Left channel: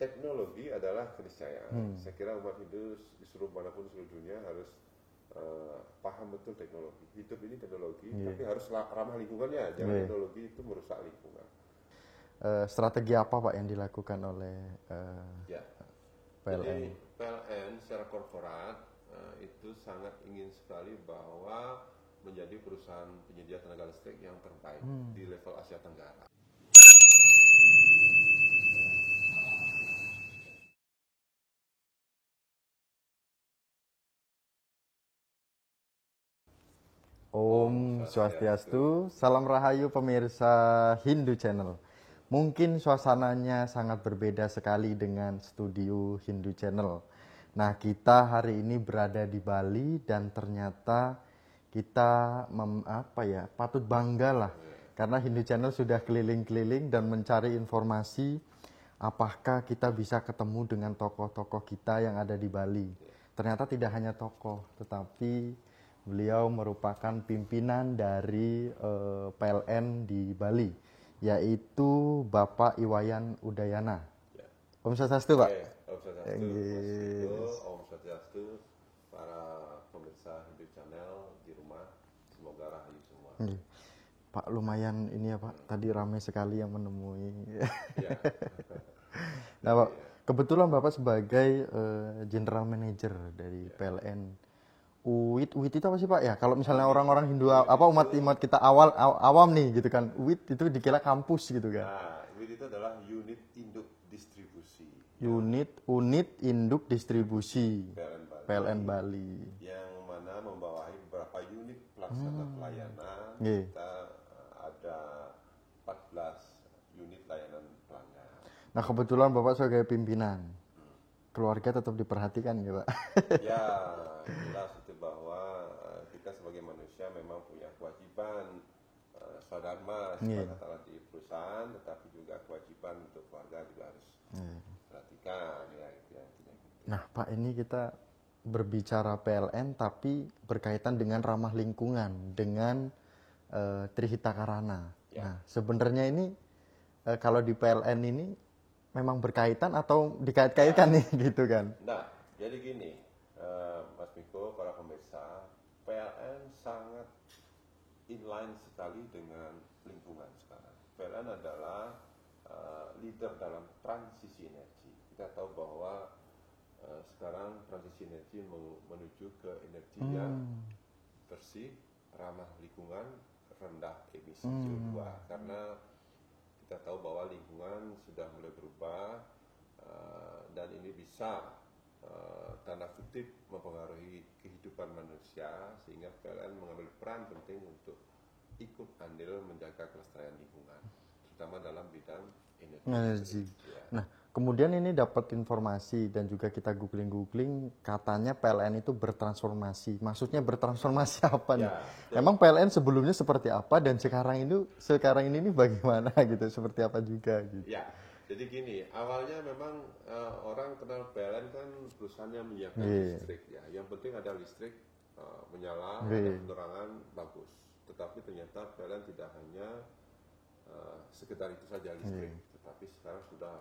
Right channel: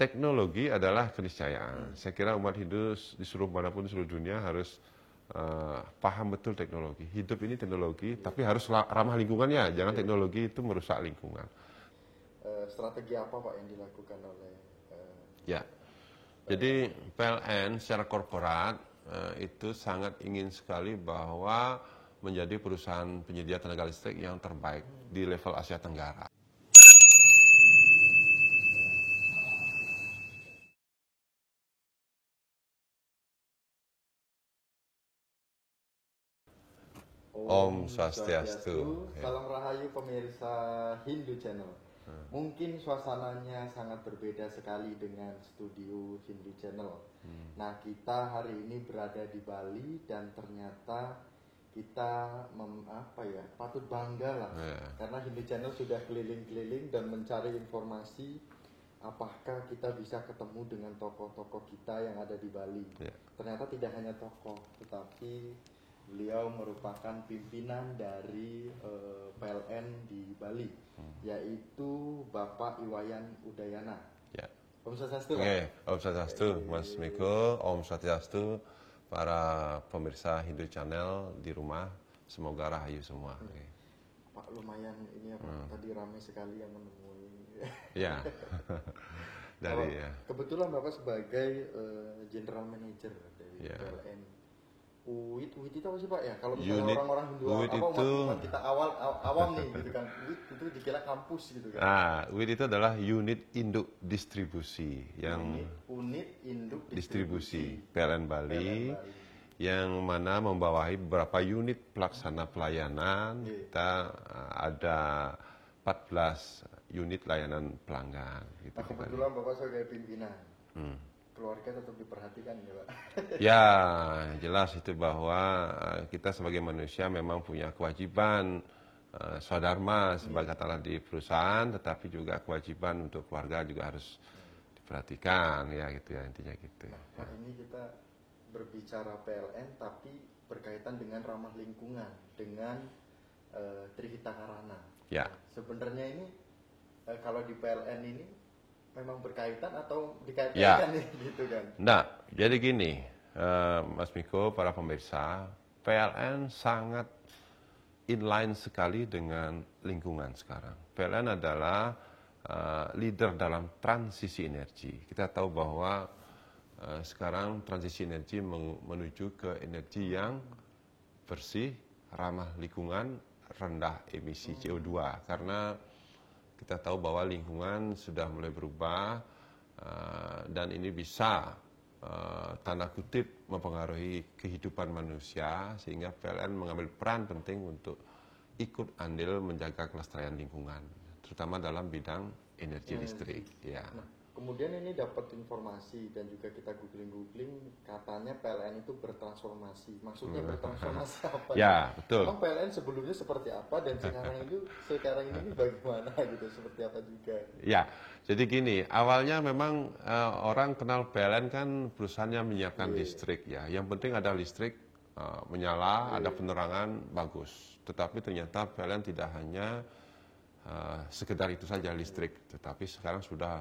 teknologi adalah keniscayaan. Saya kira umat Hindu di seluruh manapun di seluruh dunia harus paham betul teknologi. Hidup ini teknologi, tapi harus ramah lingkungannya. Jangan teknologi itu merusak lingkungan. Strategi apa Pak yang dilakukan oleh Ya, jadi PLN secara korporat itu sangat ingin sekali bahwa menjadi perusahaan penyedia tenaga listrik yang terbaik di level Asia Tenggara. Om Swastiastu, salam rahayu pemirsa Hindu Channel. Mungkin suasananya sangat berbeda sekali dengan studio Hindu Channel. Nah, kita hari ini berada di Bali dan ternyata kita patut bangga lah. Karena Hindu Channel sudah keliling-keliling dan mencari informasi apakah kita bisa ketemu dengan tokoh-tokoh kita yang ada di Bali. Ternyata tidak hanya tokoh, tetapi beliau merupakan pimpinan dari PLN di Bali, yaitu Bapak Iwayan Udayana. Ya. Om Swastiastu, Pak. Om Swastiastu, Mas Miko, Om Swastiastu, para pemirsa Hindu Channel di rumah, semoga rahayu semua. Pak, lumayan ini ya Pak, tadi ramai sekali yang menemui. Ya. Nah, Pak, kebetulan Bapak sebagai General Manager dari PLN. UIT itu apa sih Pak ya? Kalau misalnya orang-orang Hindu umat kita awam nih gitu kan, UIT itu dikira kampus gitu kan. Nah, UIT itu adalah unit induk distribusi. Unit induk distribusi PLN Bali. Yang mana membawahi beberapa unit pelaksana pelayanan. Kita ada 14 unit layanan pelanggan. Gitu. Nah, kebetulan Bapak sebagai pimpinan. Keluarga tetap diperhatikan ya Pak? Ya, jelas itu bahwa kita sebagai manusia memang punya kewajiban swadharma sebagai katalah di perusahaan, tetapi juga kewajiban untuk keluarga juga harus diperhatikan ya gitu ya intinya gitu. Nah Pak, ini kita berbicara PLN tapi berkaitan dengan ramah lingkungan, dengan Trihita Karana. Ya. Nah, sebenarnya ini kalau di PLN ini memang berkaitan atau dikait-kaitkan nih gitu kan? Nah, jadi gini, Mas Miko, para pemirsa, PLN sangat inline sekali dengan lingkungan sekarang. PLN adalah leader dalam transisi energi. Kita tahu bahwa sekarang transisi energi menuju ke energi yang bersih, ramah lingkungan, rendah emisi CO2. Karena kita tahu bahwa lingkungan sudah mulai berubah dan ini bisa tanda kutip mempengaruhi kehidupan manusia, sehingga PLN mengambil peran penting untuk ikut andil menjaga kelestarian lingkungan, terutama dalam bidang energi listrik. Ya. Nah, kemudian ini dapat informasi dan juga kita googling katanya PLN itu bertransformasi. Maksudnya bertransformasi apa? Ya, betul. Emang PLN sebelumnya seperti apa dan sekarang ini bagaimana gitu? Seperti apa juga? Gitu. Ya, jadi gini, awalnya memang orang kenal PLN kan perusahaan yang menyiapkan listrik ya. Yang penting ada listrik menyala, ada penerangan bagus. Tetapi ternyata PLN tidak hanya sekedar itu saja listrik, tetapi sekarang sudah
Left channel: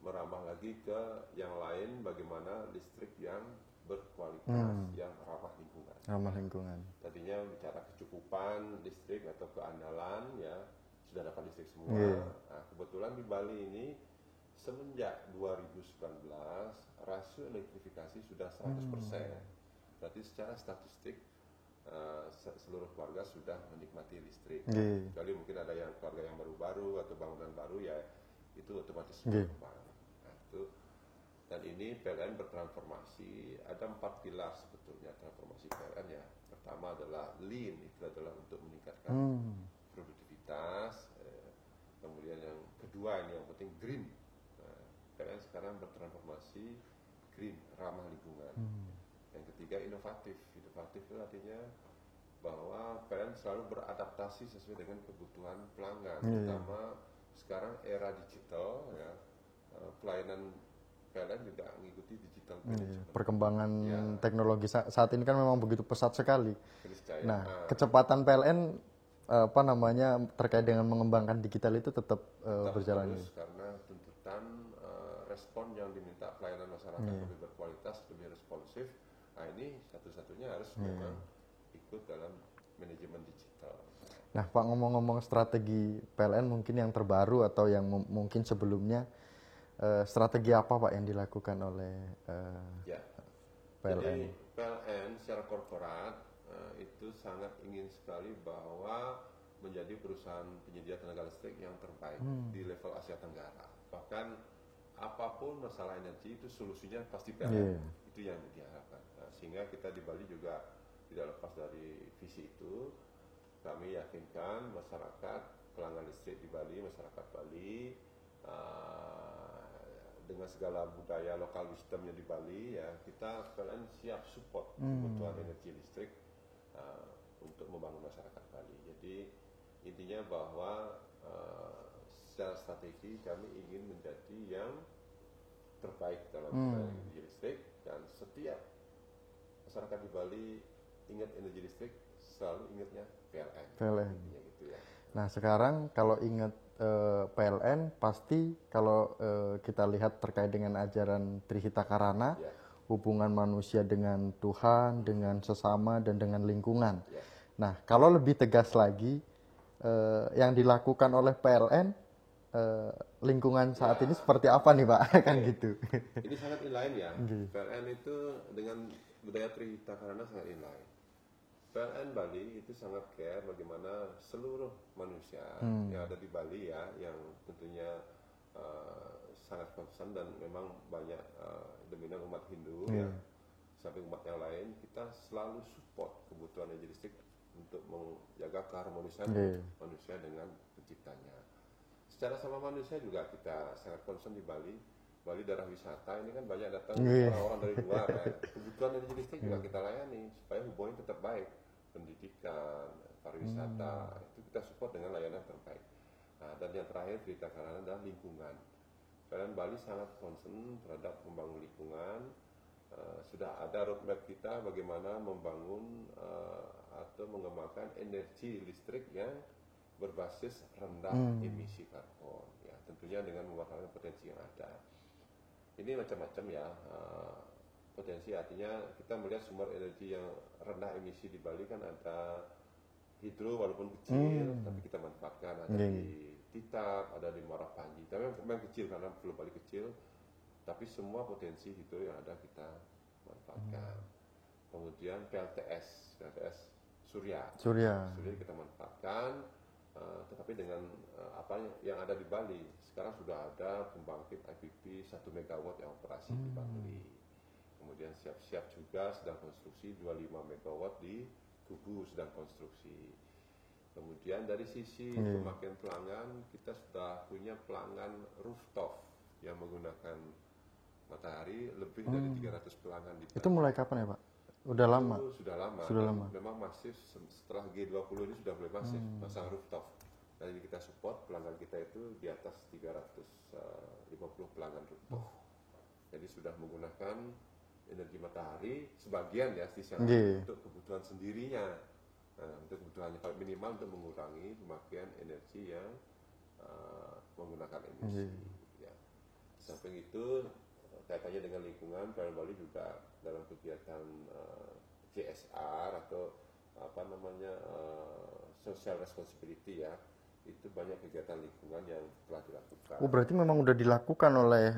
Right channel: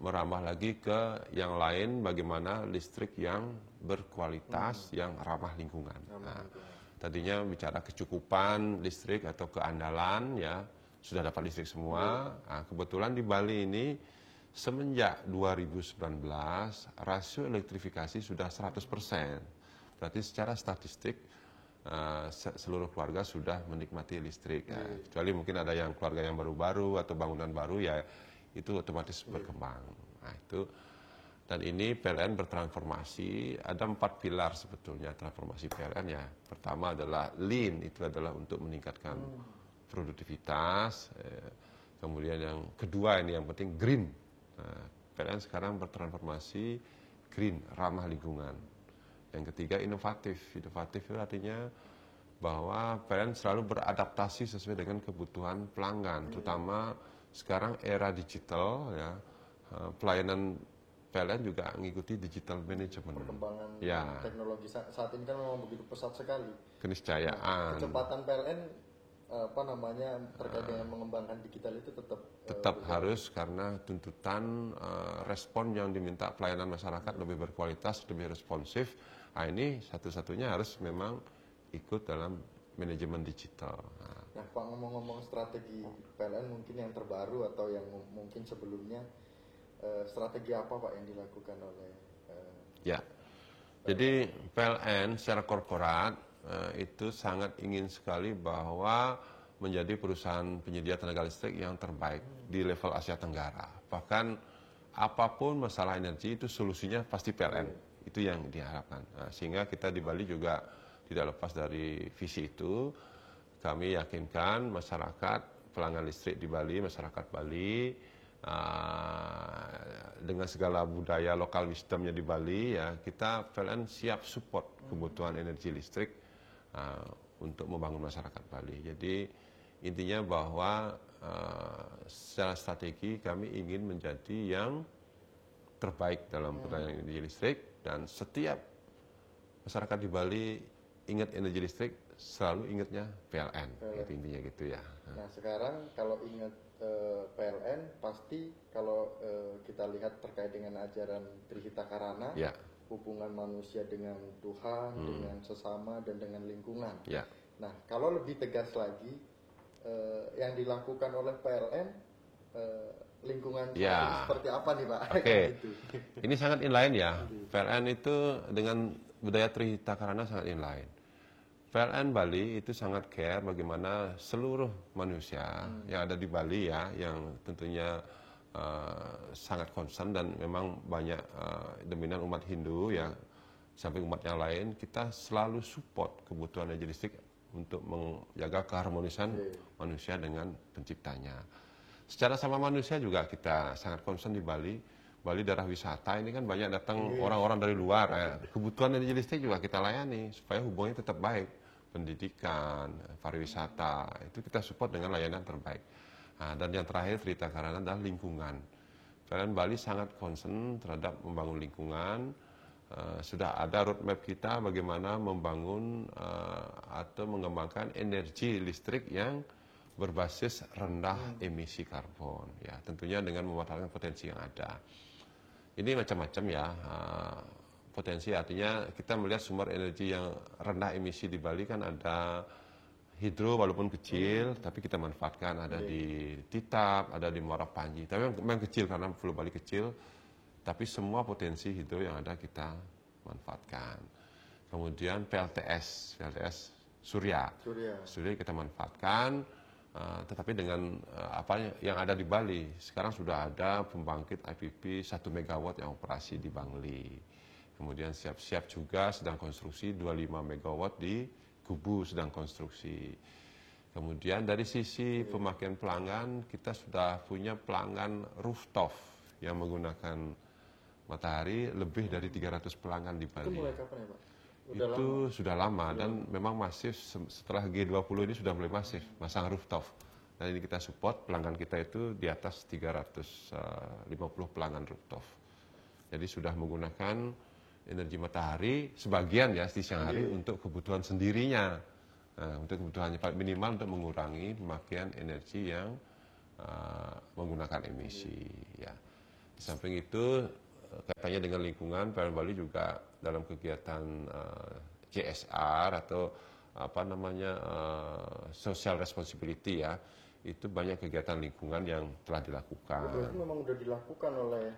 merambah lagi ke yang lain, bagaimana listrik yang berkualitas, yang ramah lingkungan. Tadinya bicara kecukupan listrik atau keandalan, ya sudah dapat listrik semua. Nah, kebetulan di Bali ini semenjak 2019 rasio elektrifikasi sudah 100%. Berarti secara statistik seluruh keluarga sudah menikmati listrik. Kecuali mungkin ada yang keluarga yang baru-baru atau bangunan baru, ya itu otomatis berkembang. Nah, itu dan ini PLN bertransformasi, ada 4 pilar sebetulnya transformasi PLN ya. Pertama adalah lean, itu adalah untuk meningkatkan produktivitas. Kemudian yang kedua ini yang penting green. PLN sekarang bertransformasi green, ramah lingkungan. Yang ketiga inovatif. Inovatif itu artinya bahwa PLN selalu beradaptasi sesuai dengan kebutuhan pelanggan, terutama sekarang era digital ya, pelayanan PLN juga mengikuti digital management. Perkembangan teknologi saat ini kan memang begitu pesat sekali. Keniscayaan. Nah, kecepatan PLN apa namanya terkait dengan mengembangkan digital itu tetap berjalan. Harus karena tuntutan respon yang diminta pelayanan masyarakat lebih berkualitas, lebih responsif. Nah, ini satu-satunya harus memang ikut dalam manajemen digital. Nah, Pak, ngomong-ngomong strategi PLN mungkin yang terbaru atau yang mungkin sebelumnya, strategi apa Pak yang dilakukan oleh ya. Jadi PLN secara korporat itu sangat ingin sekali bahwa menjadi perusahaan penyedia tenaga listrik yang terbaik di level Asia Tenggara. Bahkan apapun masalah energi itu solusinya pasti PLN. Itu yang diharapkan. Nah, sehingga kita di Bali juga tidak lepas dari visi itu. Kami yakinkan masyarakat, pelanggan listrik di Bali, masyarakat Bali, dengan segala budaya lokal wisdomnya di Bali, ya kita PLN siap support kebutuhan energi listrik untuk membangun masyarakat Bali. Jadi intinya bahwa secara strategi kami ingin menjadi yang terbaik dalam pelayanan energi listrik, dan setiap masyarakat di Bali ingat energi listrik selalu ingatnya PLN. Intinya gitu ya. Nah, sekarang kalau ingat PLN pasti kalau kita lihat terkait dengan ajaran Trihita Karana, hubungan manusia dengan Tuhan, dengan sesama dan dengan lingkungan. Nah, kalau lebih tegas lagi yang dilakukan oleh PLN lingkungan saat ini seperti apa nih Pak? Kan gitu. Ini sangat inline ya. PLN itu dengan budaya Trihita Karana sangat inline. PLN Bali itu sangat care bagaimana seluruh manusia yang ada di Bali ya, yang tentunya sangat concern, dan memang banyak dominan umat Hindu ya, samping umat yang lain, kita selalu support kebutuhan energi listrik untuk menjaga keharmonisan manusia dengan penciptanya. Secara sama manusia juga kita sangat concern di Bali. Bali daerah wisata ini kan banyak datang orang-orang dari luar. Kebutuhan energi listrik juga kita layani supaya hubungannya tetap baik. Pendidikan, pariwisata, itu kita support dengan layanan terbaik. Nah, dan yang terakhir Trihita Karana adalah lingkungan. PLN Bali sangat concern terhadap membangun lingkungan. Sudah ada roadmap kita bagaimana membangun atau mengembangkan energi listrik yang berbasis rendah emisi karbon. Ya, tentunya dengan memanfaatkan potensi yang ada. Ini macam-macam ya. Potensi artinya kita melihat sumber energi yang rendah emisi di Bali kan ada hidro walaupun kecil, tapi kita manfaatkan, ada di Titap, ada di Muara Panji. Tapi memang kecil karena Pulau Bali kecil, tapi semua potensi hidro yang ada kita manfaatkan. Kemudian PLTS Surya kita manfaatkan, tetapi dengan apa yang ada di Bali. Sekarang sudah ada pembangkit IPP 1 MW yang operasi di Bangli. Kemudian siap-siap juga sedang konstruksi 25 MW di Kubu sedang konstruksi. Kemudian dari sisi pemakaian pelanggan, kita sudah punya pelanggan rooftop yang menggunakan matahari lebih dari 300 pelanggan di Bali. Itu mulai kapan ya Pak? Udah lama? Sudah lama, dan memang masif setelah G20 ini sudah mulai masif masang rooftop. Dan ini kita support, pelanggan kita itu di atas 350 pelanggan rooftop. Jadi sudah menggunakan energi matahari sebagian ya di siang hari untuk kebutuhan sendirinya, untuk kebutuhannya minimal untuk mengurangi pemakaian energi yang menggunakan emisi. Ya. Di samping itu kaitannya dengan lingkungan, PLN Bali juga dalam kegiatan CSR atau apa namanya social responsibility ya, itu banyak kegiatan lingkungan yang telah dilakukan. Oh, berarti memang udah dilakukan oleh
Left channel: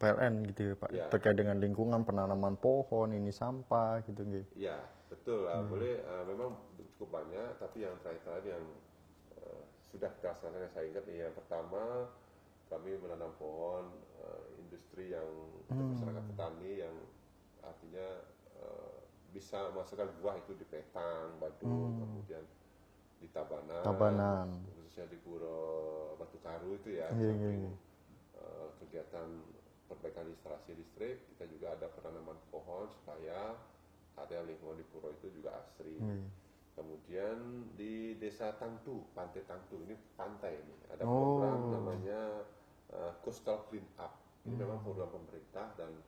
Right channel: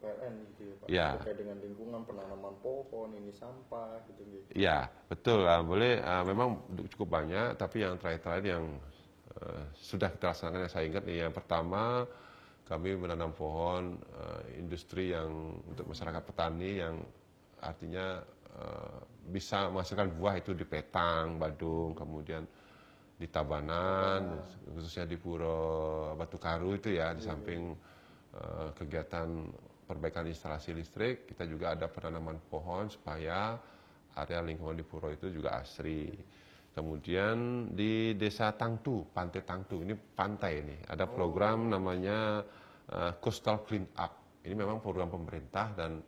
PLN gitu ya Pak? Ya. Terkait dengan lingkungan, penanaman pohon, ini sampah gitu. Iya, betul lah. Boleh, memang cukup banyak, tapi yang terakhir yang sudah kita laksanakan yang saya ingat nih, yang pertama kami menanam pohon industri yang untuk masyarakat petani, yang artinya bisa menghasilkan buah itu di Petang, Badung, kemudian di Tabanan, khususnya di Puro Batu Karu itu ya, di samping kegiatan perbaikan instalasi listrik, kita juga ada penanaman pohon supaya area lingkungan di Puro itu juga asri. Kemudian di Desa Tangtu, Pantai Tangtu, ini pantai ini, ada program namanya Coastal Clean Up. Ini memang program pemerintah, dan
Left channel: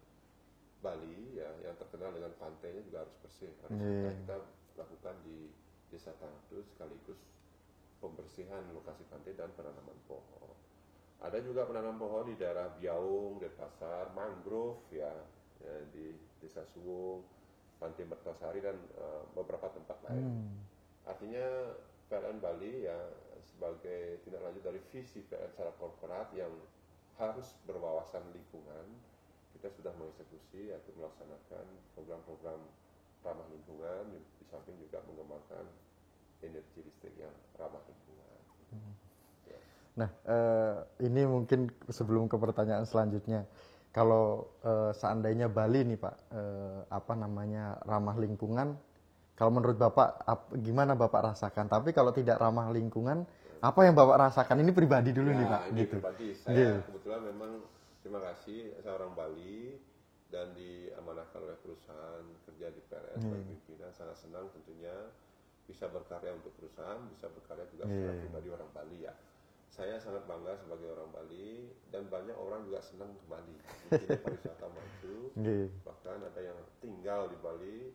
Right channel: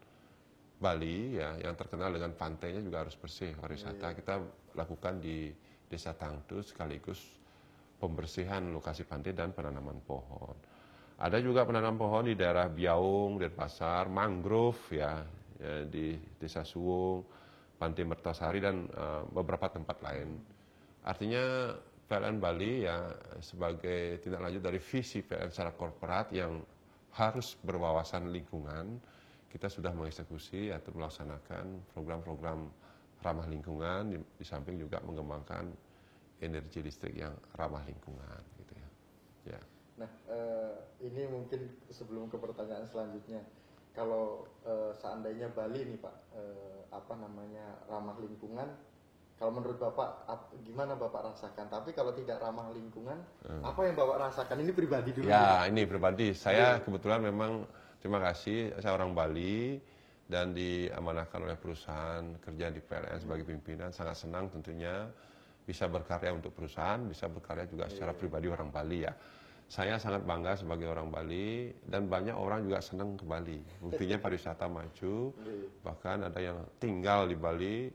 Bali ya yang terkenal dengan pantainya juga harus bersih. Pariwisata kita lakukan di Desa Tangtu sekaligus pembersihan lokasi pantai dan penanaman pohon. Ada juga penanaman pohon di daerah Biaung, Denpasar, mangrove ya di Desa Suwung, Pantai Mertasari dan beberapa tempat lain. Artinya PLN Bali ya sebagai tindak lanjut dari visi PLN secara korporat yang harus berwawasan lingkungan, kita sudah mengeksekusi atau melaksanakan program-program ramah lingkungan di samping juga mengembangkan energi listrik yang ramah lingkungan gitu ya. Ya. Nah, ini mungkin sebelum ke pertanyaan selanjutnya, kalau seandainya Bali nih Pak, ramah lingkungan, kalau menurut Bapak gimana Bapak rasakan? Tapi kalau tidak ramah lingkungan, apa yang Bapak rasakan? Ini pribadi dulu. Ya, ini pribadi. Saya kebetulan memang terima kasih, saya orang Bali dan diamanahkan oleh perusahaan kerja di PLN sebagai pimpinan. Sangat senang tentunya bisa berkarya untuk perusahaan, bisa berkarya juga secara pribadi orang Bali ya. Saya sangat bangga sebagai orang Bali dan banyak orang juga senang ke Bali. Buktinya pariwisata maju, bahkan ada yang tinggal di Bali,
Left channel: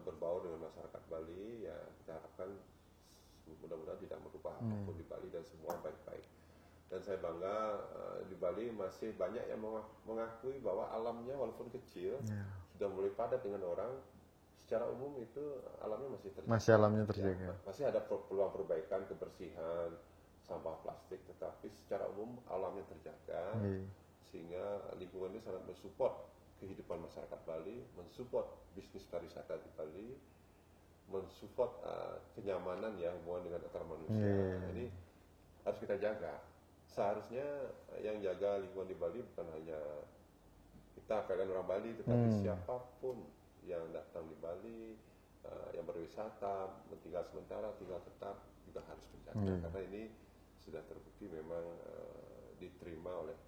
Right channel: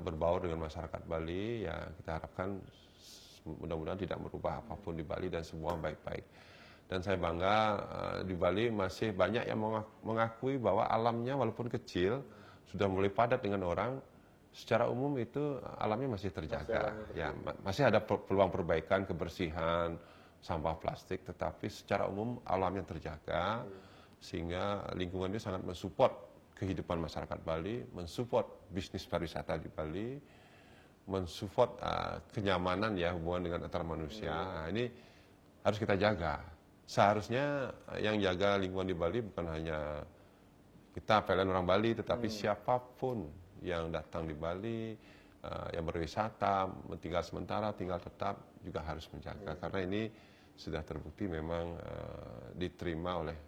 berbaur dengan masyarakat Bali. Ya kita harapkan mudah-mudahan tidak merubah apapun di Bali dan semua baik-baik. Dan saya bangga di Bali masih banyak yang mengakui bahwa alamnya walaupun kecil sudah mulai padat dengan orang. Secara umum itu alamnya masih terjaga. Masih ada peluang perbaikan, kebersihan, sampah plastik, tetapi secara umum alamnya terjaga, sehingga lingkungan itu sangat mensupport kehidupan masyarakat Bali, mensupport bisnis pariwisata di Bali, mensupport kenyamanan ya hubungan dengan antar manusia. Nah, ini harus kita jaga. Seharusnya yang jaga lingkungan di Bali bukan hanya kita PLN orang Bali, tetapi siapapun yang datang di Bali, yang berwisata, tinggal sementara, tinggal tetap juga harus menjaga karena ini sudah terbukti memang diterima oleh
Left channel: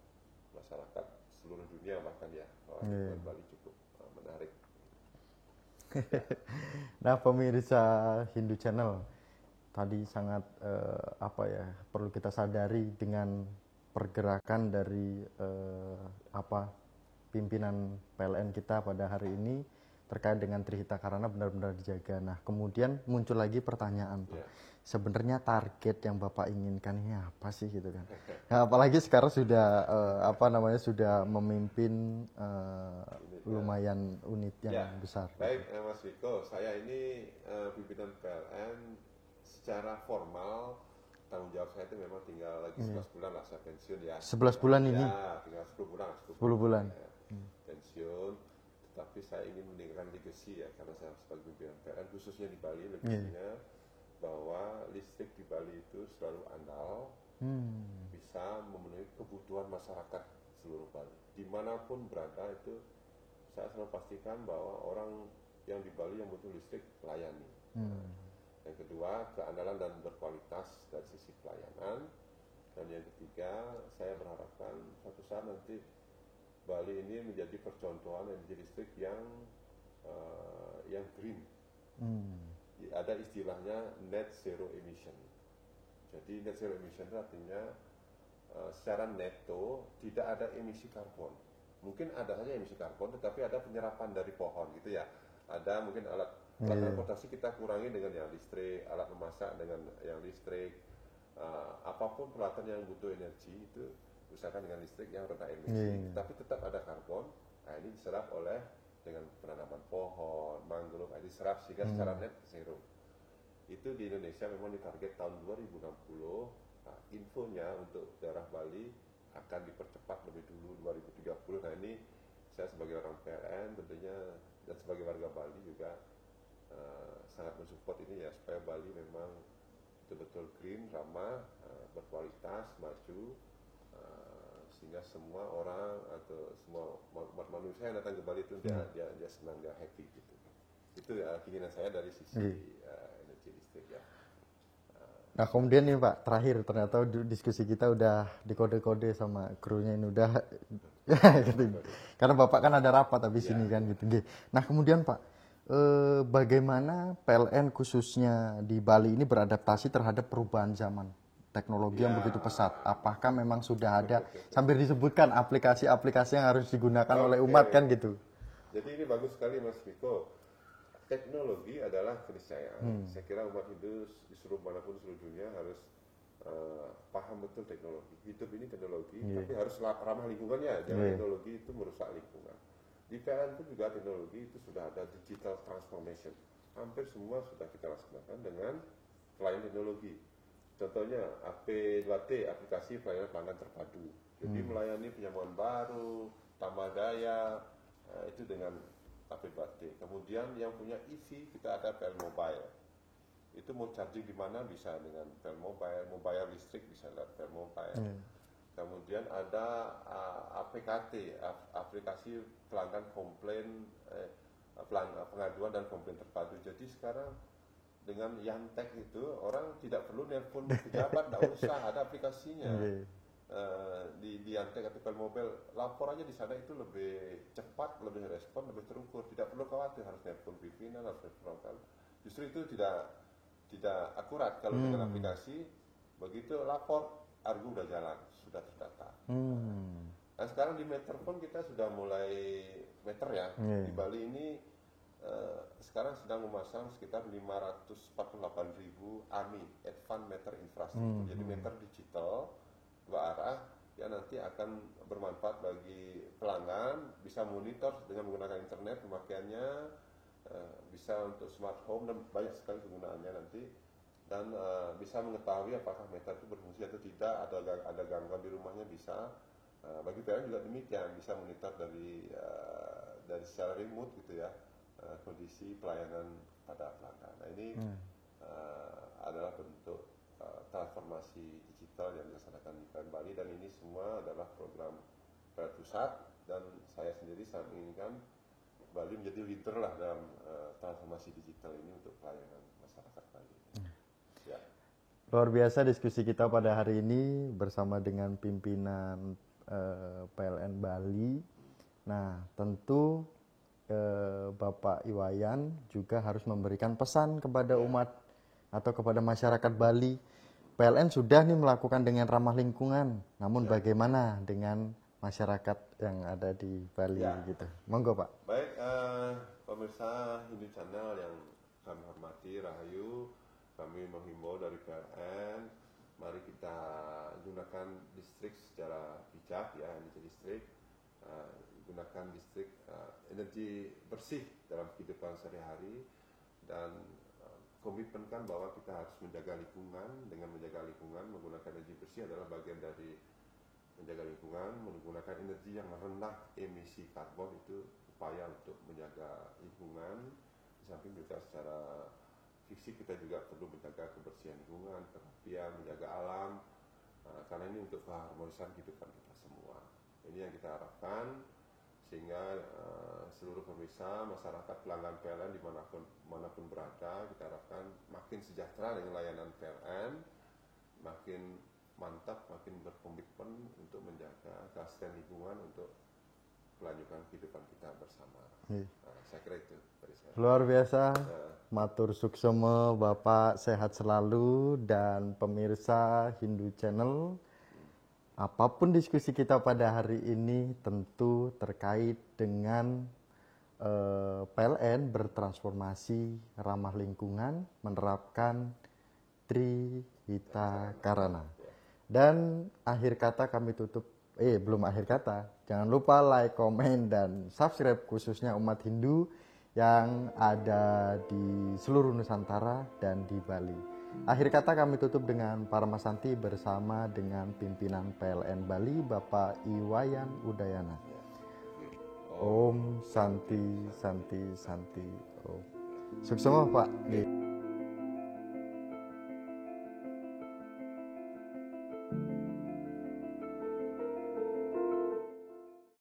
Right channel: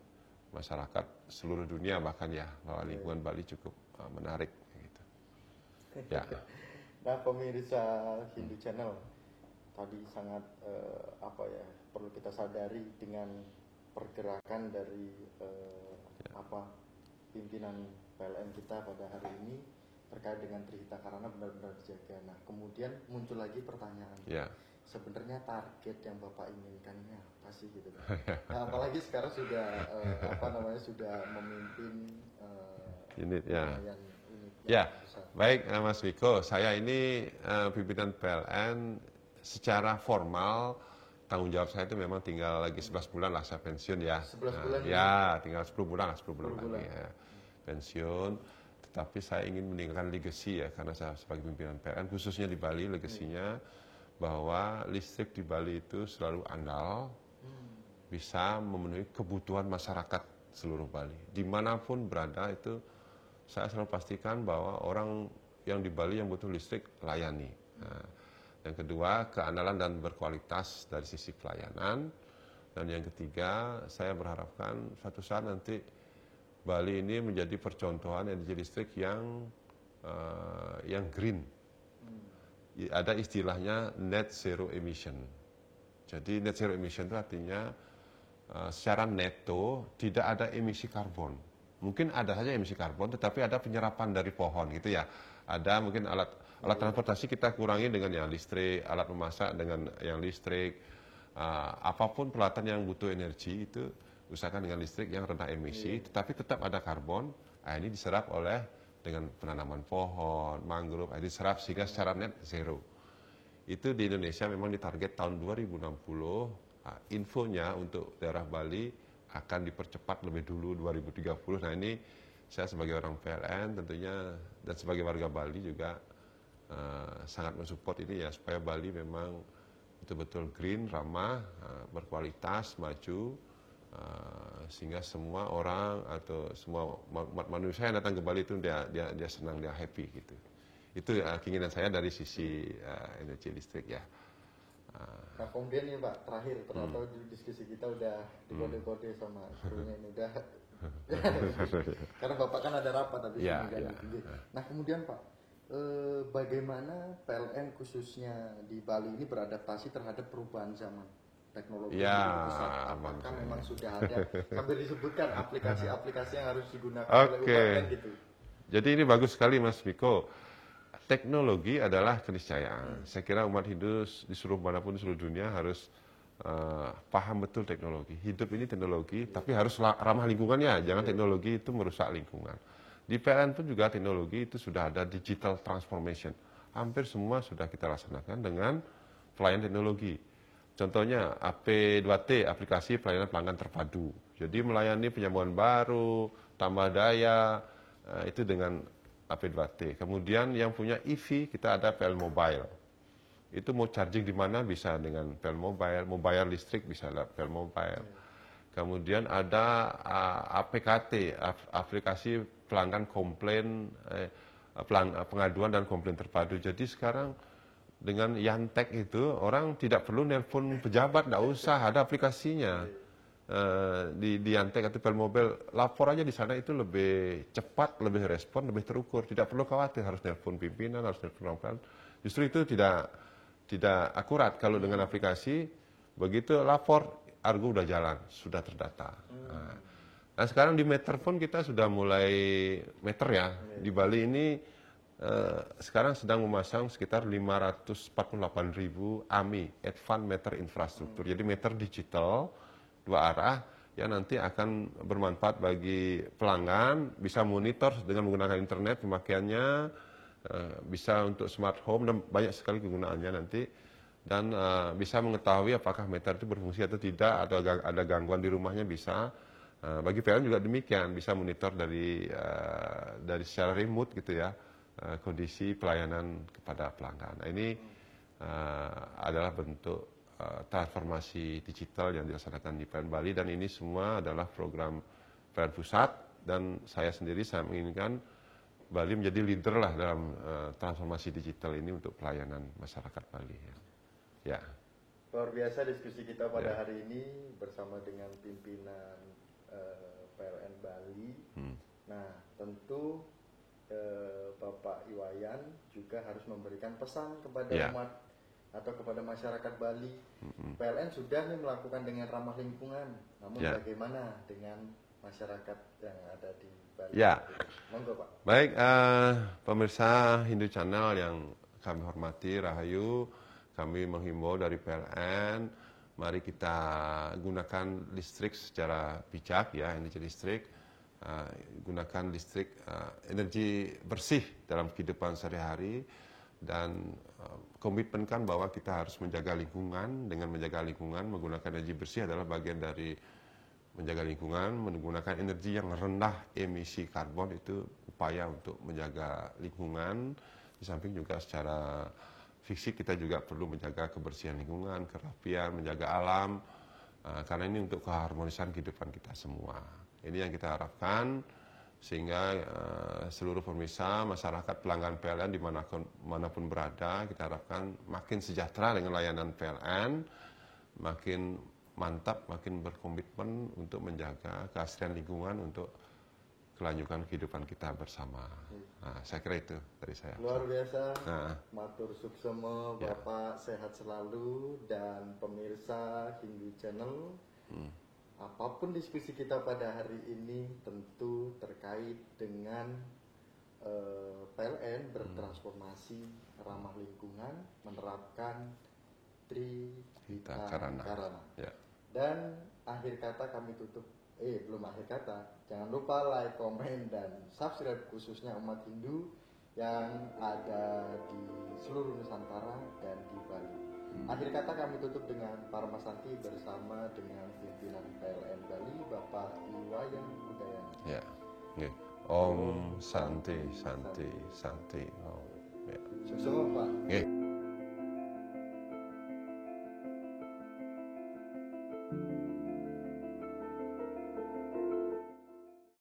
masyarakat seluruh dunia bahkan ya bahwa lingkungan Bali cukup menarik. Gitu. Ya. Nah pemirsa Hindu Channel, tadi sangat perlu kita sadari dengan pergerakan dari pimpinan PLN kita pada hari ini terkait dengan Trihita Karana benar-benar dijaga. Nah kemudian muncul lagi pertanyaan. Sebenarnya target yang Bapak inginkan ini apa sih gitu kan? Nah, apalagi sekarang sudah sudah memimpin lumayan unit yang besar. Baik Mas Wiko, saya ini pimpinan PLN secara formal tanggung jawab saya itu memang tinggal lagi 11 bulan lah saya pensiun ya. 11 bulan ini? Ya, tinggal 10 bulan lah, 10 bulan. Ya, pensiun. Tetapi saya ingin meninggalkan legacy ya, karena saya sebagai pimpinan PLN khususnya di Bali legasinya bahwa listrik di Bali itu selalu andal, bisa memenuhi kebutuhan masyarakat seluruh Bali. Dimanapun berada itu saya selalu pastikan bahwa orang yang di Bali yang butuh listrik layani. Nah, yang kedua keandalan dan berkualitas dari sisi pelayanan. Dan yang ketiga saya berharapkan suatu saat nanti Bali ini menjadi percontohan energi listrik yang green. Ada istilahnya net zero emission. Jadi net zero emission itu artinya secara neto tidak ada emisi karbon. Mungkin ada saja emisi karbon, tetapi ada penyerapan dari pohon gitu ya. Ada mungkin alat transportasi kita kurangi dengan yang listrik, alat memasak dengan yang listrik. Apapun peralatan yang butuh energi itu usahakan dengan listrik yang rendah emisi, tetapi tetap ada karbon. Nah, ini diserap oleh dengan penanaman pohon, mangrove, diserap sehingga secara net zero. Itu di Indonesia memang ditarget tahun 2060, infonya untuk daerah Bali akan dipercepat lebih dulu 2030. Nah ini saya sebagai orang PLN tentunya dan sebagai warga Bali juga sangat mensupport ini ya, supaya Bali memang betul-betul green, ramah, berkualitas, maju, sehingga semua orang atau semua manusia yang datang ke Bali itu dia senang, dia happy gitu. Itu keinginan saya dari sisi energi listrik ya. Nah kemudian nih Pak, terakhir ternyata diskusi kita udah dikode-kode sama krunya ini udah karena Bapak kan ada rapat habis ini kan gitu. Nah kemudian Pak, bagaimana PLN khususnya di Bali ini beradaptasi terhadap perubahan zaman? Teknologi yang begitu pesat, apakah memang sudah ada sambil disebutkan aplikasi-aplikasi yang harus digunakan oleh umat kan gitu? Jadi ini bagus sekali Mas Miko. teknologi adalah keniscayaan. Saya kira umat Hindu disuruh manapun di seluruh dunia harus paham betul teknologi. Hidup ini teknologi, tapi harus ramah lingkungannya. Jangan teknologi itu merusak lingkungan. Di PLN pun juga teknologi itu sudah ada digital transformation. Hampir semua sudah kita laksanakan dengan pelayanan teknologi. Contohnya AP2T, aplikasi pelayanan pelanggan terpadu. Jadi melayani penyambungan baru, tambah daya, itu dengan AP2T. Kemudian yang punya EV, kita ada PL Mobile. Itu mau charging di mana bisa dengan PL Mobile, mau bayar listrik bisa lewat PL Mobile. Kemudian ada APKT, aplikasi pelanggan komplain, pengaduan dan komplain terpadu. Jadi sekarang dengan Yantek itu orang tidak perlu nelpon pejabat, tidak usah, ada aplikasinya. Di Yantek atau PL Mobile, lapor aja di sana itu lebih cepat, lebih respon, lebih terukur. Tidak perlu khawatir harus nelpon pimpinan, harus nelpon orang. Justru itu tidak akurat kalau dengan aplikasi. Begitu lapor, Argo udah jalan, sudah terdata. Nah sekarang di meter pun kita sudah mulai meter ya. Di Bali ini sekarang sedang memasang sekitar 548.000 AMI, Advanced Meter Infrastructure. Jadi meter digital 2 arah yang nanti akan bermanfaat bagi pelanggan, bisa monitor dengan menggunakan internet pemakaiannya, bisa untuk smart home dan banyak sekali kegunaannya nanti, dan bisa mengetahui apakah meter itu berfungsi atau tidak, atau ada gangguan di rumahnya bisa. Bagi PLN juga demikian, bisa monitor dari secara remote gitu ya, kondisi pelayanan kepada pelanggan. Nah, ini adalah bentuk transformasi digital yang dilaksanakan di PLN Bali, dan ini semua adalah program PLN Pusat, dan saya sendiri menginginkan Bali menjadi leader lah dalam transformasi digital ini untuk pelayanan masyarakat Bali. Ya. Luar biasa diskusi kita pada hari ini bersama dengan pimpinan PLN Bali. Nah, tentu Bapak Iwayan juga harus memberikan pesan kepada umat atau kepada masyarakat Bali. PLN sudah nih melakukan dengan ramah lingkungan, namun bagaimana dengan masyarakat yang ada di Bali? Gitu. Monggo Pak. Baik, pemirsa Hindu Channel yang kami hormati, Rahayu, kami menghimbau dari PLN, mari kita gunakan listrik secara bijak ya, energi listrik, gunakan listrik, energi bersih dalam kehidupan sehari-hari, dan komitmenkan bahwa kita harus menjaga lingkungan. Dengan menjaga lingkungan, menggunakan energi bersih adalah bagian dari menjaga lingkungan. Menggunakan energi yang rendah emisi karbon itu upaya untuk menjaga lingkungan. Di samping juga secara fisik kita juga perlu menjaga kebersihan lingkungan, kerapian, menjaga alam, karena ini untuk keharmonisan kehidupan kita semua. Ini yang kita harapkan, sehingga seluruh pemirsa, masyarakat, pelanggan PLN dimanapun berada, kita harapkan makin sejahtera dengan layanan PLN, makin mantap, makin berkomitmen untuk menjaga keasrian lingkungan untuk kelanjutan kehidupan kita bersama. Nah, saya kira itu dari saya. Luar biasa. Matur suksema, Bapak sehat selalu, dan pemirsa Hindu Channel. Apapun diskusi kita pada hari ini tentu terkait dengan PLN bertransformasi ramah lingkungan, menerapkan Trihita Karana. Dan akhir kata kami tutup. Belum akhir kata. Jangan lupa like, komen, dan subscribe khususnya umat Hindu yang ada di seluruh Nusantara dan di Bali. Akhir kata kami tutup dengan Paramasanti bersama dengan pimpinan PLN Bali, Bapak Iwayan Udayana. Om Santi, Santi, Santi. Suksema Pak.